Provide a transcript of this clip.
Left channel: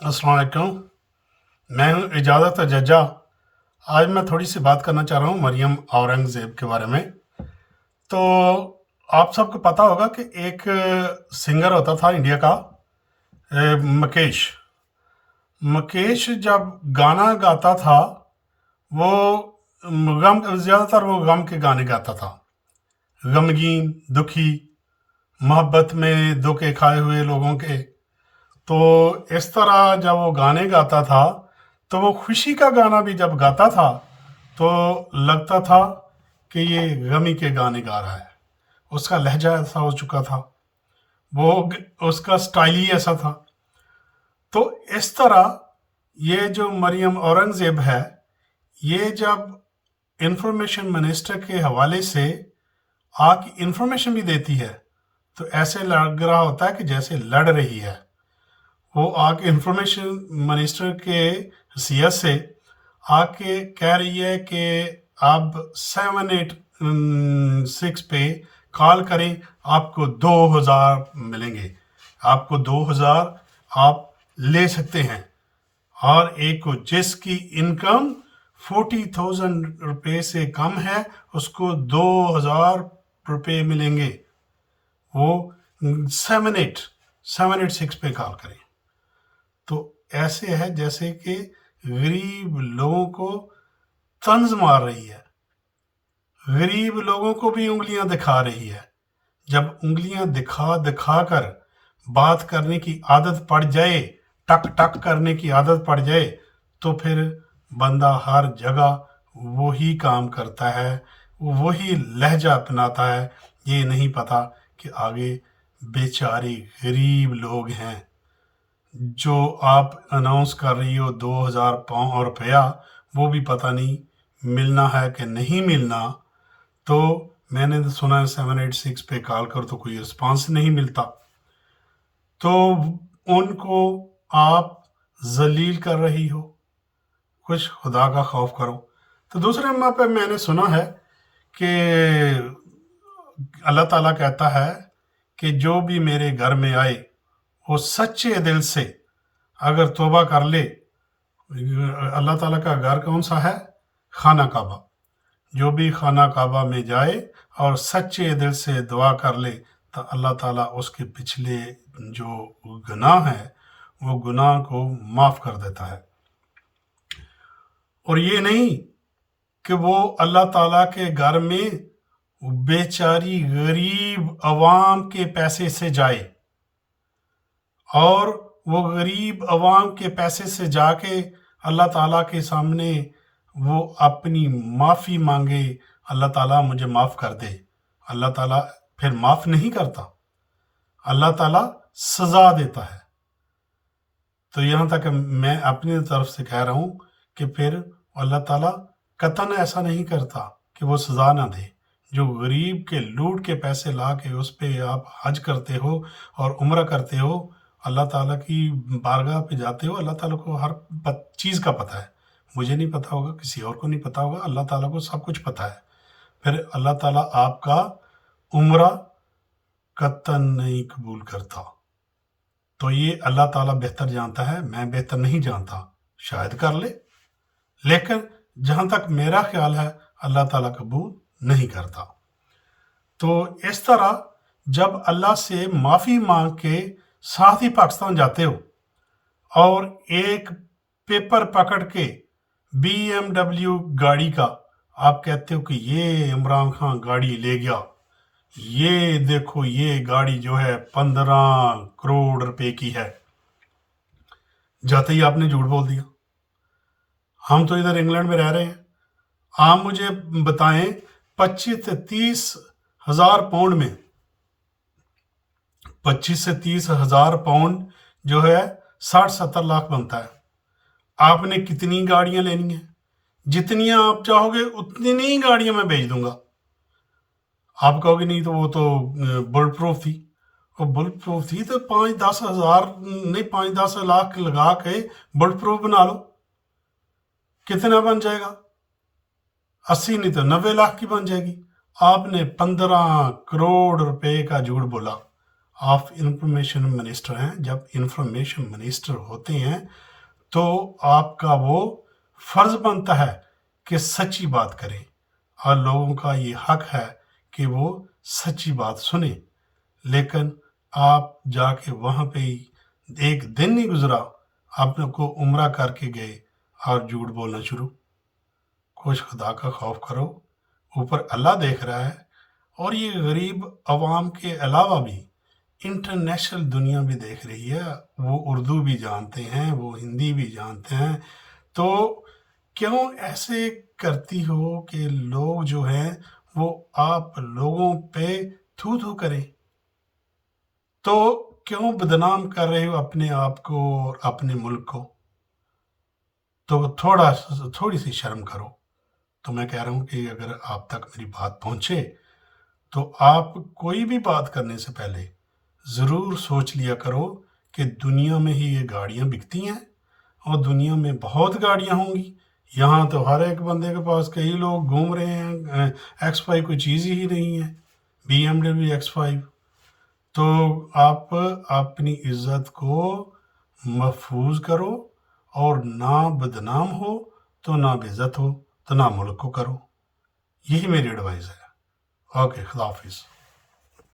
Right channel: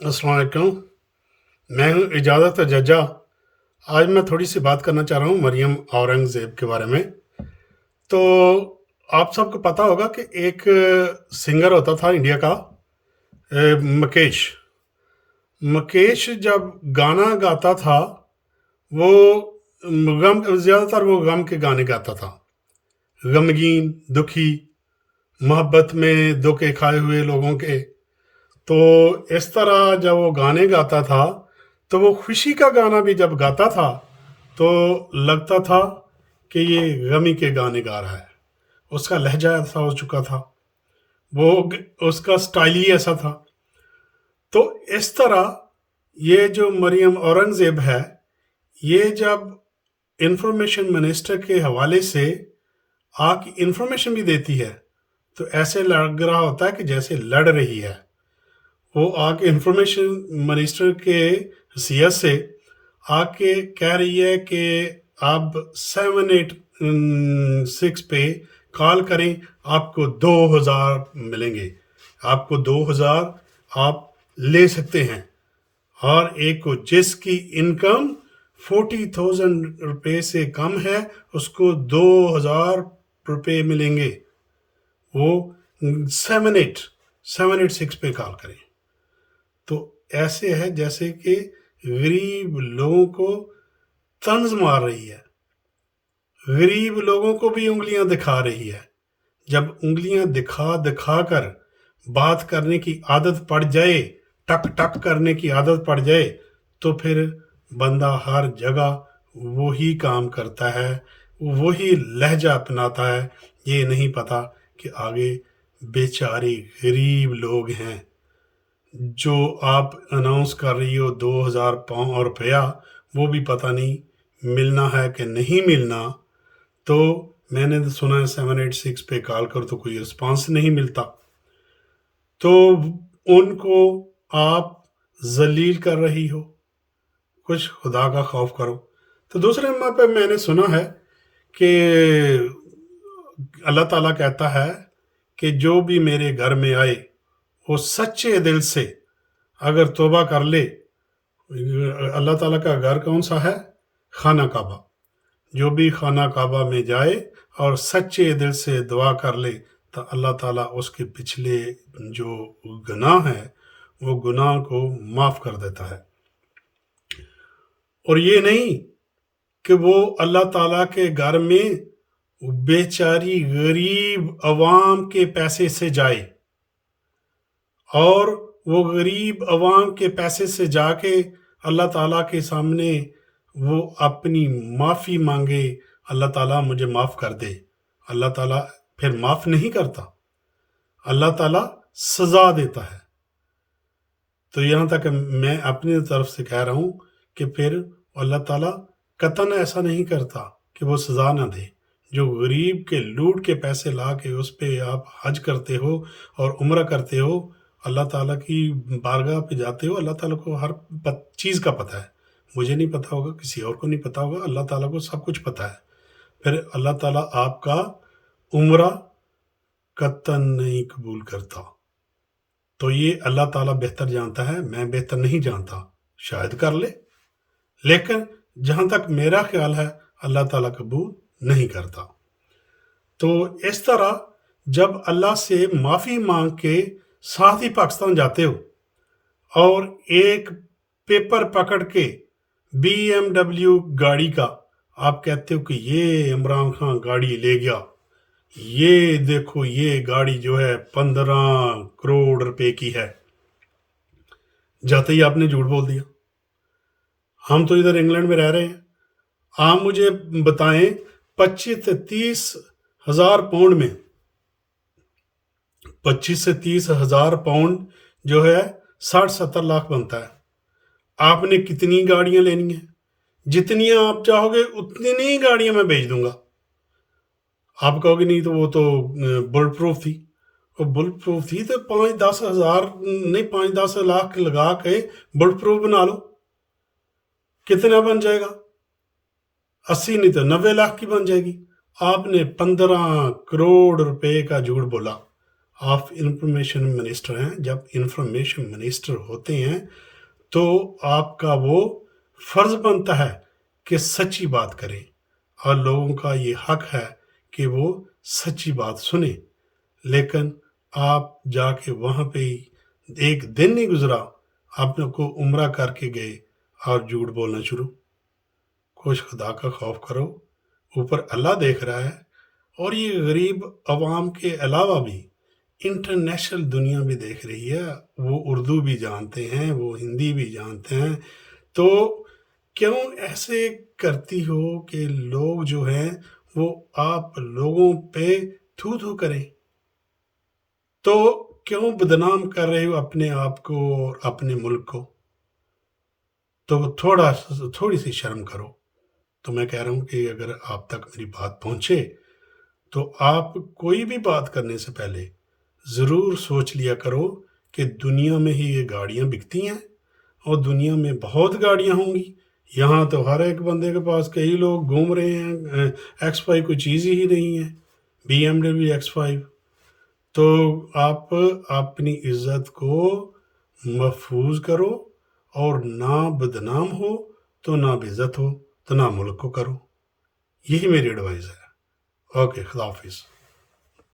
अस्सलाम वालेकुम। मैं हूँ इजाज़त जज्जा। आज मैं थोड़ी सी बात करना चाह रहा हूँ मरियम औरंगज़ेब के बारे में। तो आप सबको पता होगा कि एक सिंगर होता था इंडिया का, मुकेश। मुकेश जब गाना गाता था, वो ज़्यादातर वो गम के गाने गाता था। गमगीन, दुखी, मोहब्बत में धोखे खाए हुए लोगों के। तो इस तरह जब वो गाने गाता था, तो वो खुशी का गाना भी जब गाता था तो लगता था कि ये गमी के गाने गा रहा है। उसका लहजा ऐसा हो चुका था, वो उसका स्टाइल ही ऐसा था। तो इस तरह ये जो मरियम औरंगज़ेब है, ये जब इंफॉर्मेशन मिनिस्टर के हवाले से आके इंफॉर्मेशन भी देती है, तो ऐसे लग रहा होता है कि जैसे लड़ रही है। वो आके इंफॉर्मेशन मिनिस्टर के हैसियत से आके कह रही है कि आप 786 पे कॉल करें, आपको 2000 मिलेंगे, आपको 2000 आप ले सकते हैं। और एक को जिसकी इनकम 40,000 रुपये से कम है, उसको 2000 रुपये मिलेंगे। वो 786 पे कॉल करें। तो ऐसे है जैसे कि गरीब लोगों को तंज मार रही है, गरीब लोगों को भी उंगलियां दिखा रही है। जब उंगलियां दिखा दिखा कर बात करने की आदत पड़ जाए, टक टक करने की आदत पड़ जाए, तो फिर बंदा हर जगह वही काम करता है, वही लहजा अपनाता है। ये नहीं पता कि आगे बेचारे गरीब लोग हैं। जो आप अनाउंस कर रही हो 2000 रुपया, वो भी पता नहीं मिलना है कि नहीं मिलना। तो मैंने तो सुना है 786 पे कॉल कर तो कोई रिस्पांस नहीं मिलता। तो उनको आप जलील कर रही हो, कुछ खुदा का खौफ करो। तो दूसरे नंबर पे मैंने सुना है कि अल्लाह ताला कहता है कि जो भी मेरे घर में आए, वो सच्चे दिल से अगर तौबा कर ले। अल्लाह ताला का घर कौन सा है? खाना काबा। जो भी खाना काबा में जाए और सच्चे दिल से दुआ कर ले, तो अल्लाह ताला उसके पिछले जो गुनाह है, वो गुनाह को माफ़ कर देता है। और ये नहीं कि वो अल्लाह ताला के घर में बेचारी गरीब अवाम के पैसे से जाए, और वो गरीब अवाम के पैसे से जाके अल्लाह ताला के सामने वो अपनी माफ़ी मांगे, अल्लाह ताला मुझे माफ़ कर दे। अल्लाह ताला फिर माफ़ नहीं करता, अल्लाह ताला सज़ा देता है। तो यहाँ तक मैं अपनी तरफ से कह रहा हूँ कि फिर अल्लाह ताला कतन ऐसा नहीं करता कि वो सज़ा ना दे। जो गरीब के लूट के पैसे ला के उस पे आप हज करते हो और उम्रा करते हो, अल्लाह ताला की बारगाह पे जाते हो, अल्लाह ताला को हर चीज़ का पता है। मुझे नहीं पता होगा, किसी और को नहीं पता होगा, अल्लाह ताला को सब कुछ पता है। फिर अल्लाह ताला आपका उम्रा कतन नहीं कबूल करता। तो ये अल्लाह ताला बेहतर जानता है, मैं बेहतर नहीं जानता। शायद कर ले, लेकिन जहाँ तक मेरा ख्याल है, अल्लाह ताला कबूल नहीं करता। तो इस तरह जब अल्लाह से माफ़ी मांग के साथ ही पाकिस्तान जाते हो और एक पेपर पकड़ के BMW गाड़ी का आप कहते हो कि ये इमरान खान गाड़ी ले गया, ये देखो ये गाड़ी जो है 15 करोड़ रुपए की है, जाते ही आपने झूठ बोल दिया। हम तो इधर इंग्लैंड में रह रहे हैं, आप मुझे बताएं 25 से 30 हजार पाउंड में, 25 से 30 हजार पाउंड जो है 60-70 लाख बनता है। आपने कितनी गाड़ियां लेनी है? जितनी आप चाहोगे उतनी गाड़ियां मैं भेज दूंगा। आप कहोगे नहीं तो वो तो बुलेट प्रूफ थी। और बुलेट प्रूफ थी तो 5-10 हजार नहीं, 5-10 लाख लगा के बुलेट प्रूफ बना लो। कितना बन जाएगा? 80 नहीं तो 90 लाख की बन जाएगी। आपने 15 करोड़ रुपए का झूठ बोला। آپ انفارمیشن منسٹر ہیں. جب انفارمیشن منسٹر ہوتے ہیں تو آپ کا وہ فرض بنتا ہے کہ سچی بات کریں، اور لوگوں کا یہ حق ہے کہ وہ سچی بات سنیں. لیکن آپ جا کے وہاں پہ ہی ایک دن نہیں گزرا آپ نے کو عمرہ کر کے گئے اور جھوٹ بولنا شروع. کچھ خدا کا خوف کرو، اوپر اللہ دیکھ رہا ہے. اور یہ غریب عوام کے علاوہ بھی انٹرنیشنل دنیا بھی دیکھ رہی ہے. وہ اردو بھی جانتے ہیں، وہ ہندی بھی جانتے ہیں. تو کیوں ایسے کرتی ہو کہ لوگ جو ہیں وہ آپ لوگوں پہ تھو تھو کریں؟ تو کیوں بدنام کر رہے ہو اپنے آپ کو اور اپنے ملک کو؟ تو تھوڑی سی شرم کرو. تو میں کہہ رہا ہوں کہ اگر آپ تک میری بات پہنچے تو آپ کوئی بھی بات کرنے سے پہلے ضرور سوچ لیا کرو کہ دنیا میں ہی یہ گاڑیاں بکتی ہیں، اور دنیا میں بہت گاڑیاں ہوں گی. یہاں تو ہر ایک بندے کے پاس کئی لوگ گھوم رہے ہیں. X5 کوئی چیز ہی نہیں ہے، BMW X5. تو آپ اپنی عزت کو محفوظ کرو، اور نہ بدنام ہو تو نہ بے عزت ہو تو نہ ملک کو کرو. یہی میری ایڈوائز ہے. اوکے، خدا حافظ.